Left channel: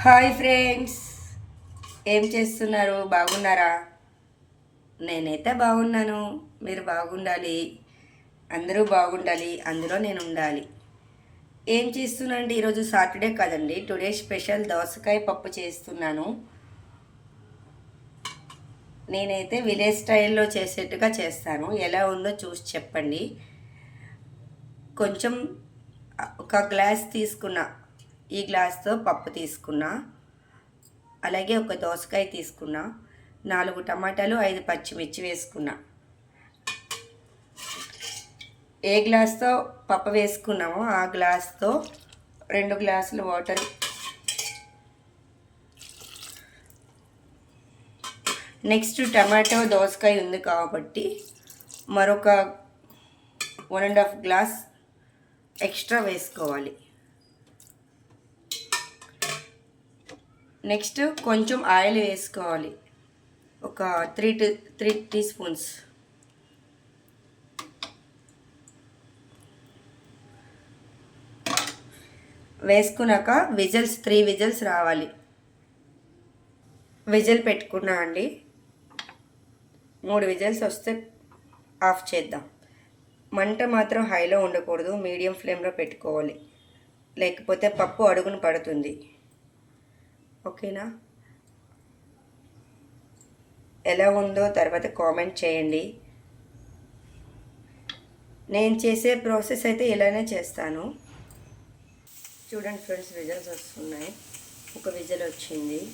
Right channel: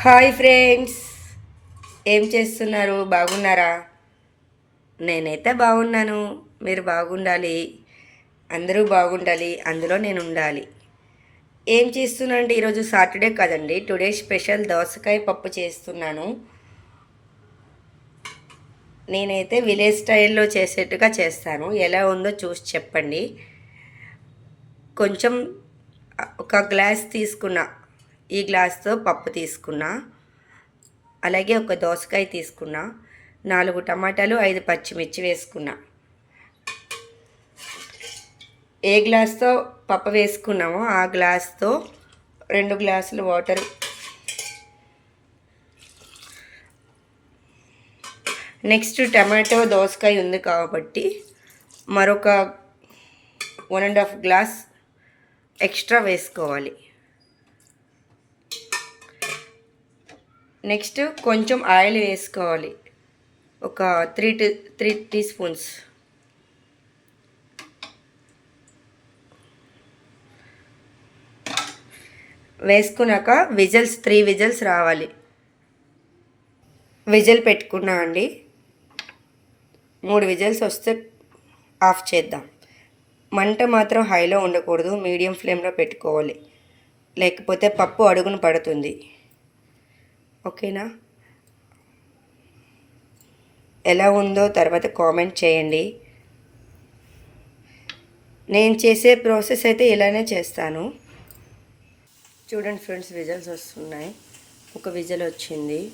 Hi friends. ఏం చేస్తున్నారు? బాగున్నారా? నేనైతే బాగున్నాను. మీరు బాగుండాలి. అందరూ బాగుండాలి. అందులో నేను ఉండాలి. ఏం చేస్తున్నానండి అంటే ఈరోజు సాటర్డే కదండి. టుడే స్పెషల్ దోసకాయ పప్పు చేస్తున్నాను. నేనైతే విలేజ్ స్టైల్లో చేసేట్టుగా చేస్తాను. ఎలా ఉందో చూసి చెప్పండి. కొంచెం ఒక గ్లాస్ తీసుకున్నా. ఈ గ్లాస్తో పప్పు తీసుకున్నా. అలాగే ఒక దోసకాయ తీసుకున్నా. నాలుగు టమాటాలు ఐదు పచ్చిమిర్చి వేసుకున్నా. ఏ గ్లాస్తో పప్పు వేసుకున్నామో ఆ గ్లాస్తో రెండు గ్లాసులు వాటర్ నెక్స్ట్ టమాటో దోసకాయ ఉంది కాబట్టి మరొక one and half glass extra వేసుకోవాలి. నెక్స్ట్ కొంచెం ఆయిల్ వేసుకోవాలి. ఒక three tea three teaspoons. వేసుకున్నాక విజిల్స్ త్రీ విజిల్స్ రావాలి. విజిల్ పెట్టుకున్నా అండి. మూడు విజిల్స్ వస్తే ఆఫ్ చేద్దాం. మంట మాత్రం హైలో ఉండకూడదు మీడియం ఫ్లేమ్లో పెట్టుకోవాలి. లేకపోతే పప్పు అడుగును పడుతుంది. ఓకేనా? ఎలా ఉందో తర్వాత కామెంట్ చేయండి. నేను చేసే ప్రాసెస్ అయితే ఇలానే చేస్తాను. చూడండి ఫ్రెండ్స్ విజల్స్ వస్తున్నాయి. ఒక విజల్ వచ్చింది.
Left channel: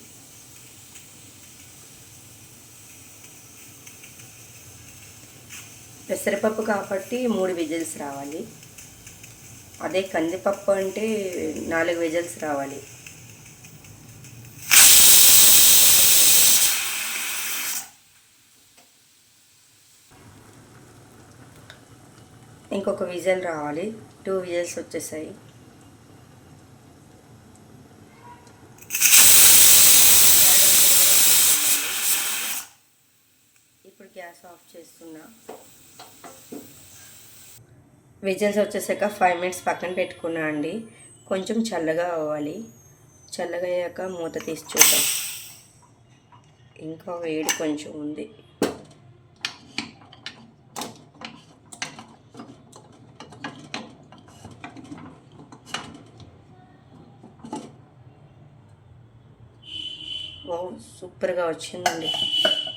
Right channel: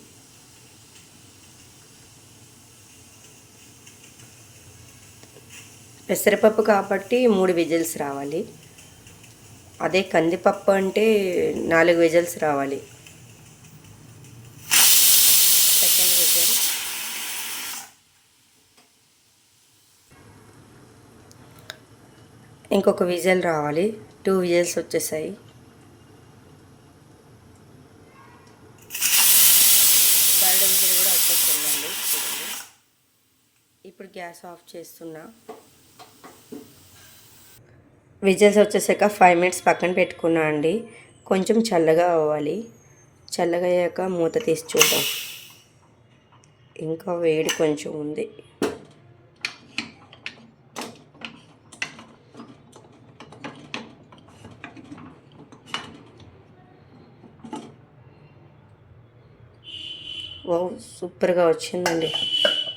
పెసరపప్పు కాబట్టి మూడు విజిల్స్ రావాలి. అదే కందిపప్పు అంటే నాలుగు విజిల్స్ రావాలి. ఇంకొక విజిల్ రావాలి. టూ విజల్స్ వచ్చేసాయి. ఇప్పుడు గ్యాస్ ఆఫ్ చేస్తున్నా. విజిల్స్ వచ్చేసాక ఫైవ్ మినిట్స్ పక్కన పెట్టుకున్నా అండి. కొంచెం చల్లగా అవ్వాలి. చల్లగా అయ్యాక మూత తీసి చూద్దాం. ఇంకా వేడి కొంచెం ఉంది. ఓ సూపర్గా వచ్చిందండి.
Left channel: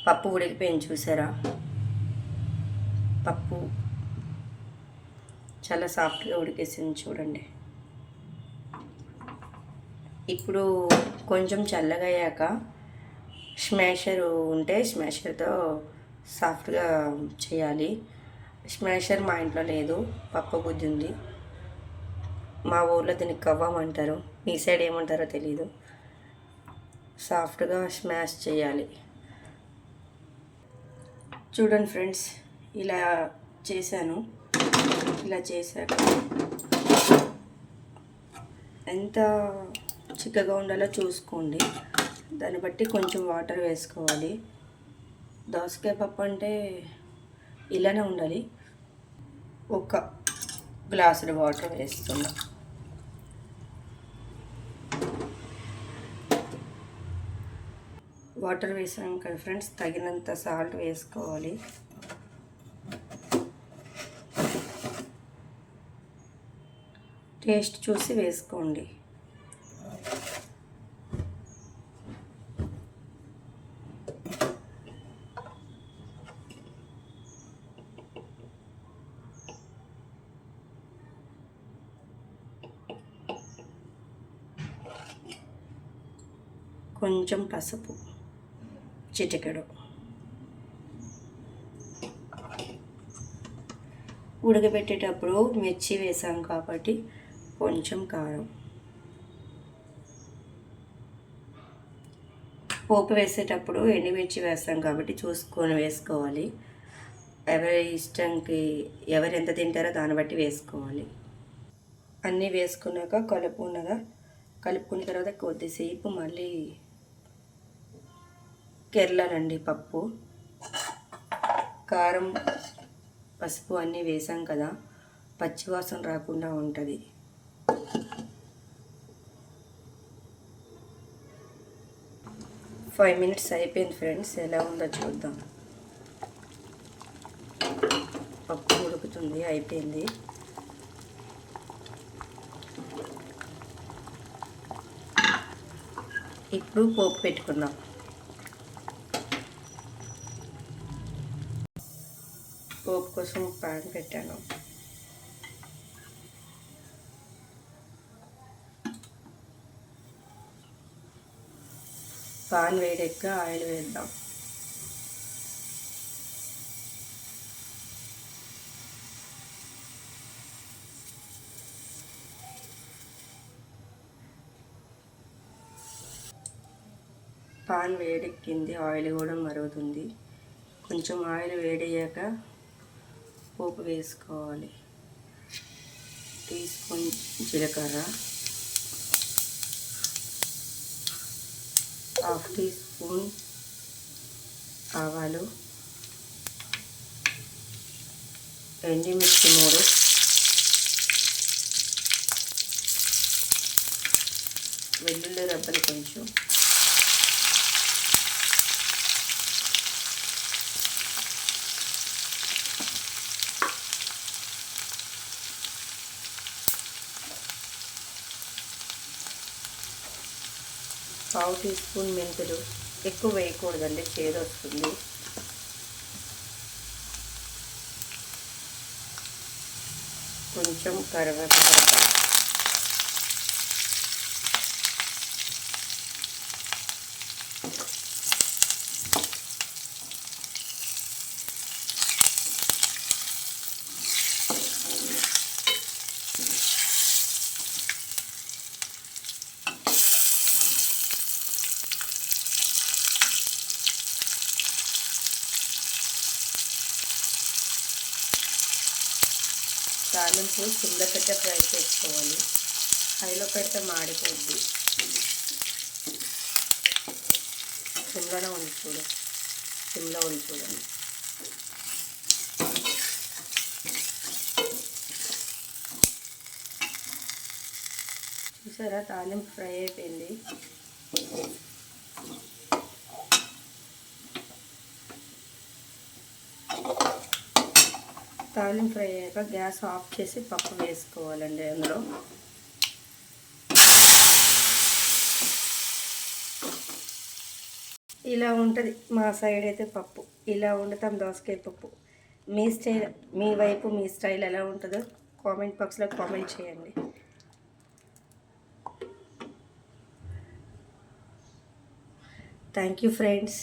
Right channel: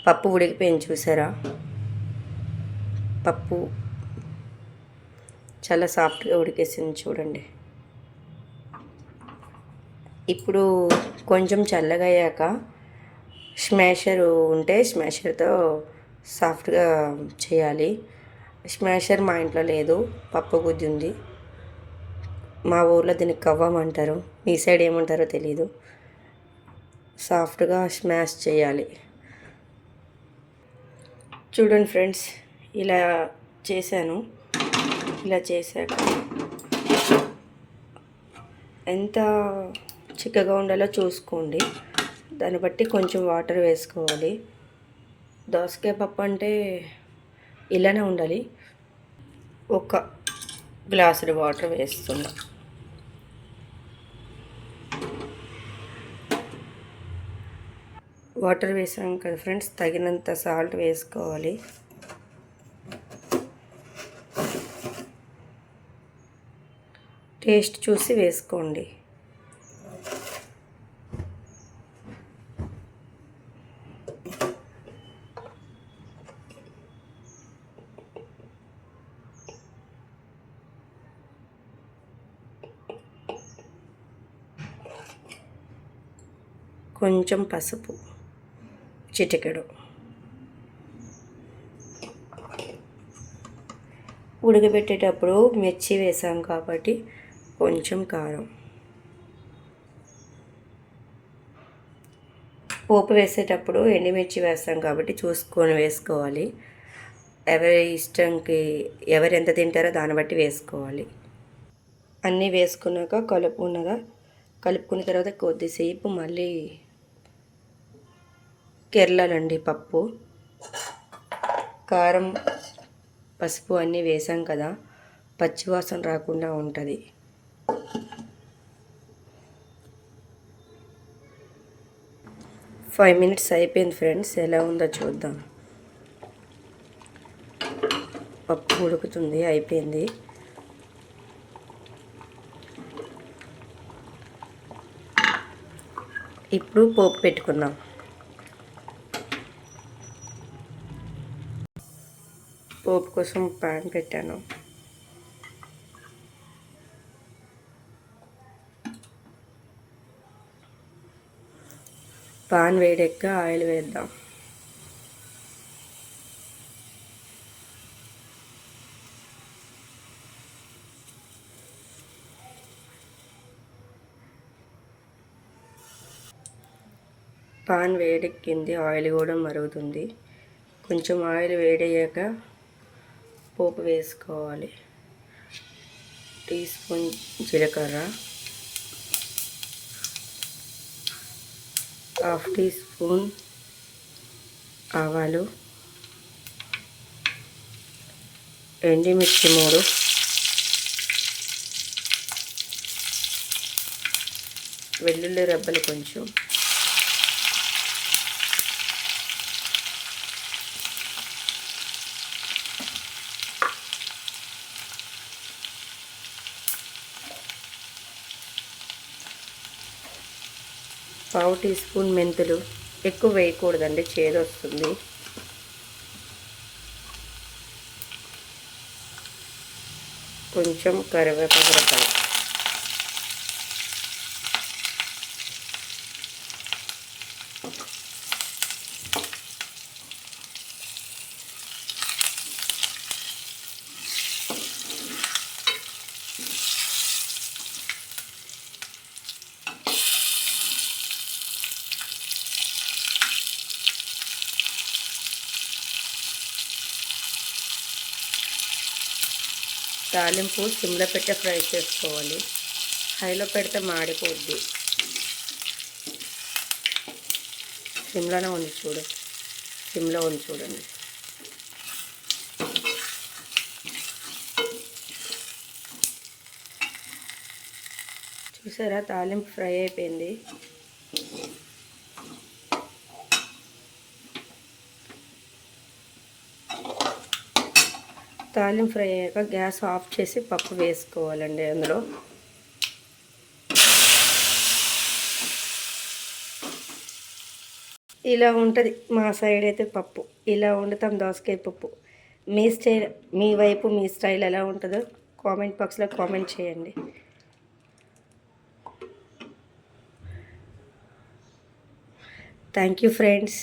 పప్పు ఉడికిపోయింది చూసారా? పప్పు చాలా సాఫ్ట్గా ఉడికేసింది చూడండి. ఇప్పుడు కొంచెం చల్లగా అయ్యాక స్మాషర్ ఉంటే స్మాషర్తో సాఫ్ట్గా చేయాలి. స్మాషర్ మా ఇంట్లో లేదు పప్పు గుద్ది ఉంది మా ఊర్లో దీనికి కవ్వం అంటారు. మీ సైడ్ ఏమంటారో తెలీదు. సాఫ్ట్గా స్మాష్ చేయాలి. చూడండి ఫ్రెండ్స్ ఇలా చేశాను. ఇలా చేశాక ఎంత చిక్కగా ఉండాలో చూసుకోండి. దాన్ని బట్టి కొంచెం వాటర్ వేసుకోవాలి. దోసకాయ పప్పు అంటే ఇలానే ఉండాలి. ఒక గ్లాసుడు వాటర్ వేస్తున్నాను వాటర్ వేసాం కదా ఫ్రెండ్స్ తగినంత సాల్ట్ వేసుకోవాలి. టేస్ట్ చూసి వేసుకోండి. కొంచెం పసుపు. చిటికెడు ఉడకబెట్టేటప్పుడు మిర్చి వేసాం కాబట్టి కొంచెం కారం. పోపు వేసేటప్పుడు ఎండుమిర్చి వేస్తాం కాబట్టి చూసుకొని వేసుకోవాలి. ఎవరి ఇష్టంకి ఎవరు ఎంత తింటారో దాన్ని బట్టి వేసుకోవాలి. అన్నీ వేసుకున్నాక కలుపుకున్నాక కలుపుకున్న తర్వాత కొద్దిసేపు మళ్ళీ కేరళనండి పప్పు. కారం పసుపు అన్నీ వేసాం కదా పచ్చివాసన రాకుండా ఉంటుంది. ఫైవ్ మినిట్స్ అయిపోయింది ఫ్రెండ్స్ ఎలా ఉందో చూద్దాం. పప్పు ఉడుకుతుంది అయిపోయింది. ఇప్పుడు పోపు పెట్టుకుందాం. పోపు కోసం పాన్ పెట్టాను. పాన్ వేడెక్క ఆయిల్ వేద్దాం. పాన్ వేడెక్కింది ఆయిల్ కూడా మరుగుతుంది. కొంచెం ఆయిల్ వేడయ్యాక పోపు వేసుకోవాలి. టీ స్పూన్ జీలకర్ర. హాఫ్ టీ స్పూన్ ఆవాలు. ఎండిమిర్చి మూడు. వెల్లుల్లి రబ్బలు కొంచెం. పావు టీ స్పూన్ మెంతులు ఎక్కువ వేయకూడదండి చేదొస్తుంది. కొంచెం కరివేపాకు తాలింపు సిమ్లో పెట్టే ఫ్రై చేసుకోవాలి. హైలో పెడితే మాడిపోద్ది. సిమ్లోనే ఉంది చూడు. సిమ్లో ఉంది చూడండి. చూసారా? తాలింపు ఫ్రై అయిపోయింది. తాలింపు ఫ్రై అయ్యాక గ్యాస్ ఆఫ్ చేసి పప్పు వేసుకోవాలండి అందులో. ఇలా ఉంటుంది మా సైడ్ అయితే పప్పు. ఇలా వండుతాం దోసకాయ పప్పు. మీ స్టైల్ మీ వైపు మీ స్టైల్ ఎలా ఉంటుందో కామెంట్ బాక్స్లో కామెంట్ చేయండి. Thank you friends.